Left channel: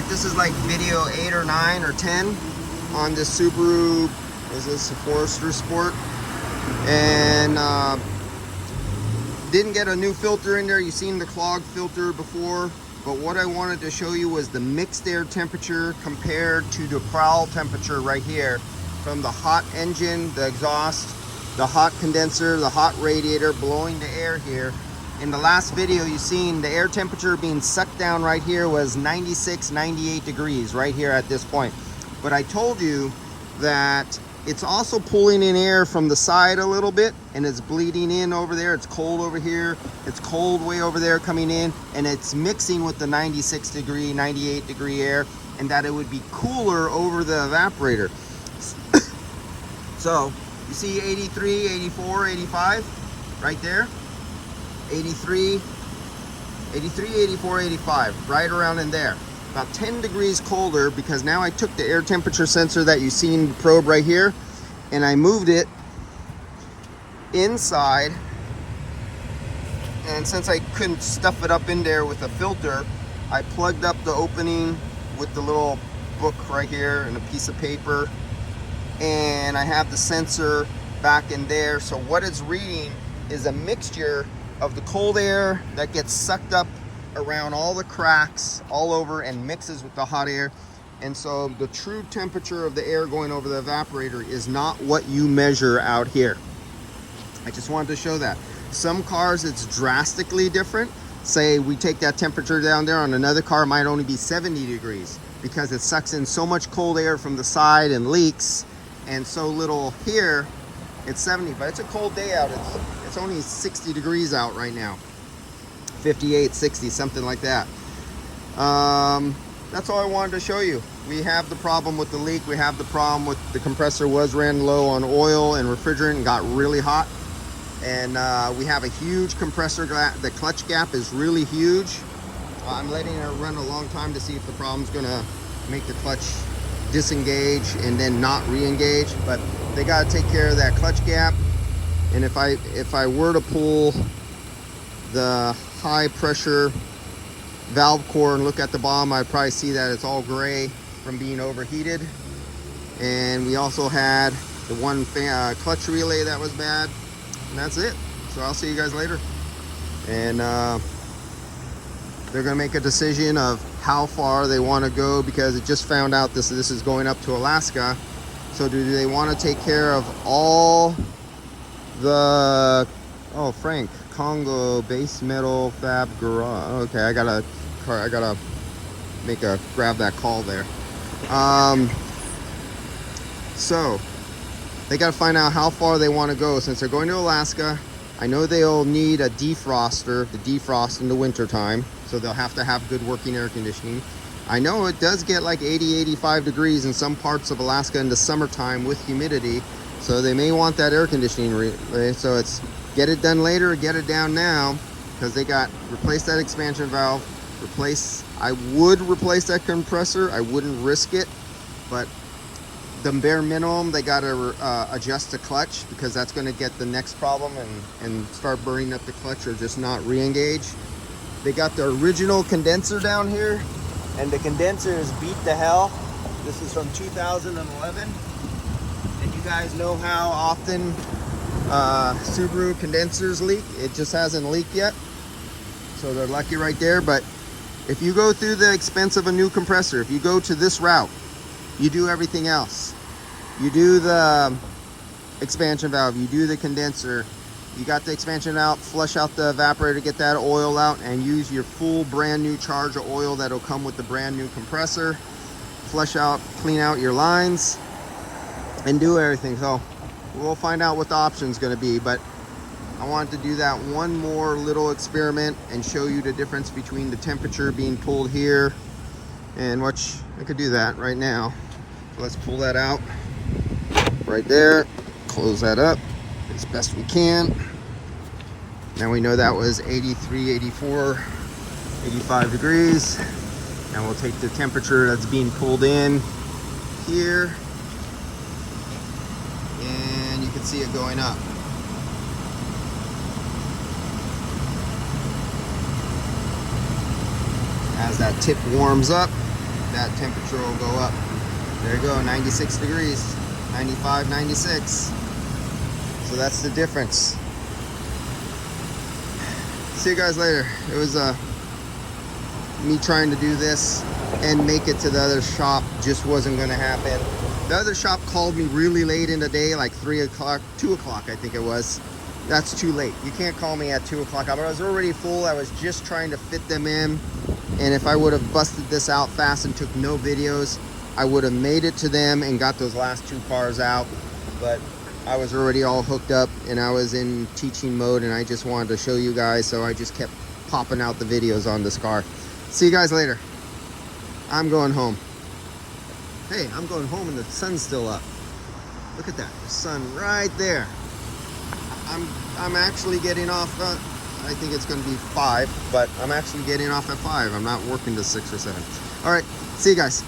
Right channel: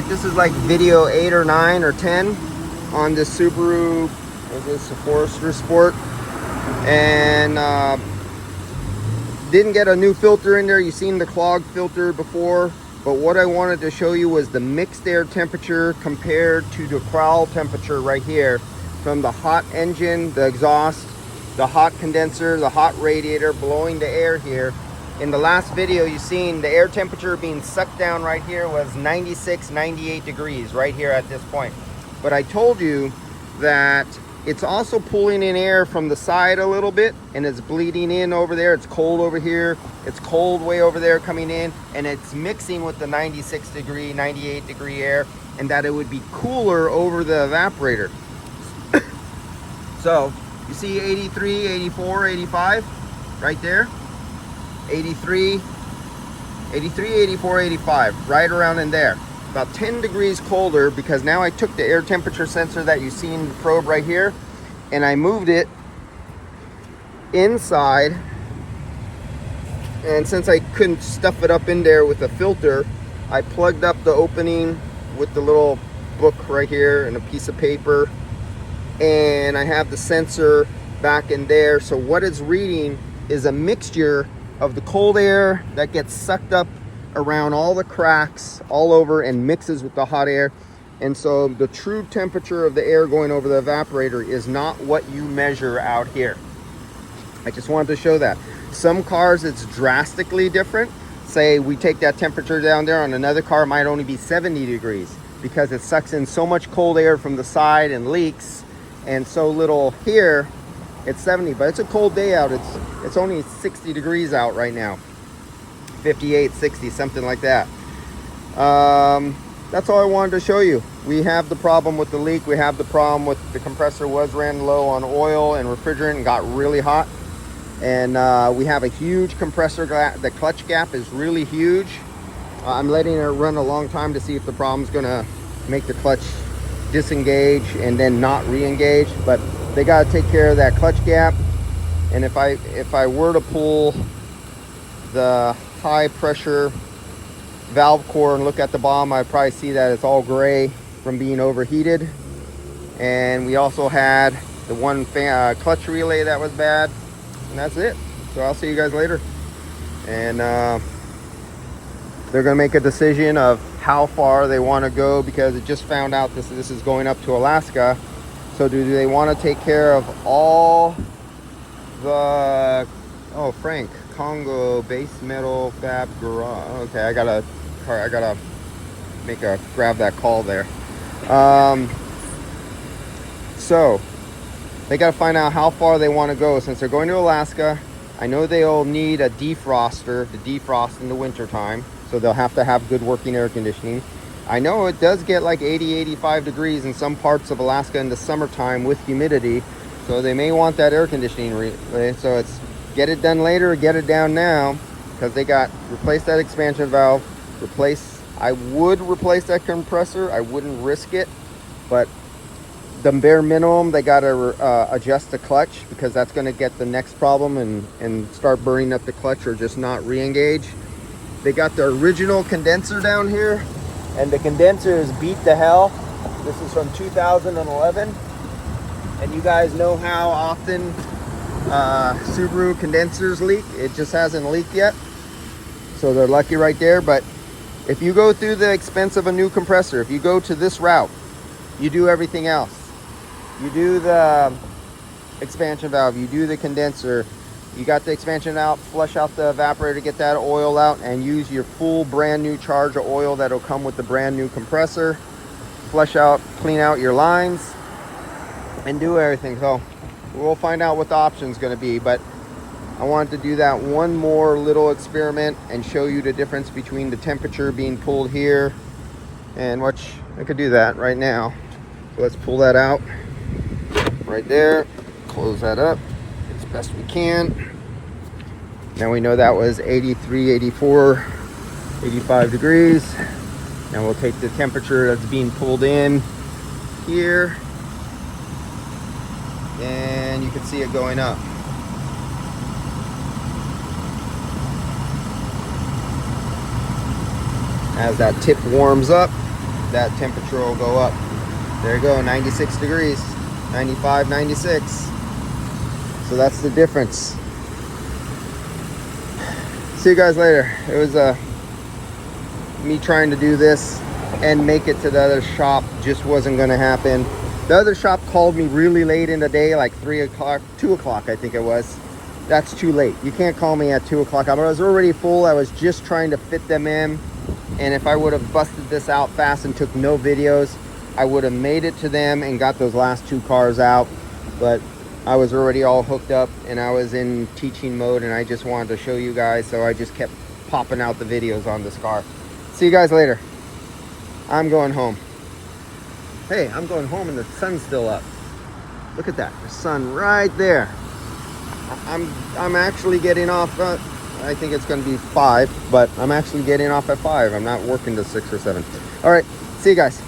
right, this is like video 8 or 9 or 10 on this Subaru. Is this a Forester Sport? And didn't get a new filter in there. You've seen the clogged filter before, but what I wanted to show you was the mixed air temperature compared to the prowl temperature right here, from the hot engine, the exhaust, the hot condenser, the hot radiator blowing the air here. In the last video, you've seen the air temperature being sucked down right here was 96, 98 degrees right here at this point. But I told you that it's also pulling in air from the side a little bit, and it's bleeding in over there. It's cold over here, it's cold way over there coming in, and it's mixing with the 96 degree, 98 degree air, and that it would be cooler over the evaporator. So you see 83, 84, 85 right there. 83, 84, 85, right around in there. About 10 degrees colder, because now I took the air temperature sensor that you seen the probe right here, and I moved it inside. And since I couldn't stuff it up in there with a filter, I plugged up the opening with the little book right here and a piece of paper, and I have the sensor back in there. So what it's reading is a mixture of the cold air that gets sucked up around all the cracks all over and mixes with the hot air. And so the true temperature of the air going over the evaporator is not what you measure out here. I just wanted to show that. Some cars it's drastically different. Say we take that temperature down there, on another car it might only be 70 degrees because it sucks in so much cold air from the side and leaks, and so little here. It's 70, but it's a cold day out. It's only 60 degrees out right now. 58, 60, something like that. That's all I wanted to show you. We have the problem with the leak. We have the problem with the compressor ran low on oil and refrigerant and got really hot. And we have a huge compressor. The clutch gap is really huge. I'm letting it run a long time to see if the problem's gonna make the clutch disengage and then not re-engage, but they got to take care of that clutch gap. And if I were to pull the high pressure valve core and look at the bottom, I'd probably see that it's all gray from being overheated. And we also had the one clutch relay that was bad, and that's it. So I'll see you guys later. And they're gonna make a decision of how far they want to go, because it just found out this is going up to Alaska. So do they want to take care of all the, oh, Frank, Congo base metal fab garage. Okay, I gotta grab that call there. So they got to find out how far they want to go. Since they're going to Alaska, I know they'll need a defroster to defrost in the winter time, so they'll have to have good working air conditioning. I know it does get like 80, 85 degrees in some parts of Alaska in the summertime with humidity, so they may want that air conditioning so it's get it done later or get it down now, because they got replace that expansion valve, I would replace that compressor. I wouldn't risk it, but the bare minimum, they got to adjust the clutch, because that's going to get the next problem and start burning up the clutch or just not re-engage. They got the original condenser down here, and the condenser is beat to hell. This is from 2011, and you guys know how often Subaru condensers leak. It just hasn't leaked yet, so they're lucky right there. But if you go through the expense of a new compressor, if you go to this route, you do everything else. You do the expansion valve, you do the condenser, you got the expansion out, flush out the evaporator, get that oil out, and use your full brand new charge of oil that'll come with the brand new compressor. Flush out, clean out your lines, and do everything. So we'll find out what the option is going to be, but I wanted to do that one more little experiment and show you the difference between the temperature being pulled here and which I could do that right now. So let's pull that out right there, close that up as best we can. Now we know that was 83, 84, 85 degrees. Now we'll take the temperature that's being pulled in here, and you can see it going up. As that tip warms up, that temperature will go up. There you go, 96 degrees, 95, 96. So that's the difference. See you guys later. It was me trying to do this and make it to the other shop just wasn't gonna happen. The other shop called me really late in the day, like 3 o'clock, 2 o'clock I think it was. That's too late. You can't call me at 2 o'clock. I was already full. I was just trying to fit them in. And if I would have busted this out fast and took no videos, I would have made it to them and got those last 2 cars out. But I was already all hooked up and I was in teaching mode and I just wanted to show you guys. So I just kept popping out the videos on this car. See you guys later. I'm going home. Hey, I'm going home and the sun's still up. Look at that, the sun right there. I'm actually getting off, I think it's gonna be 5, but I'm actually getting off at 5. I'm not working till 6 or 7. All right, see you guys.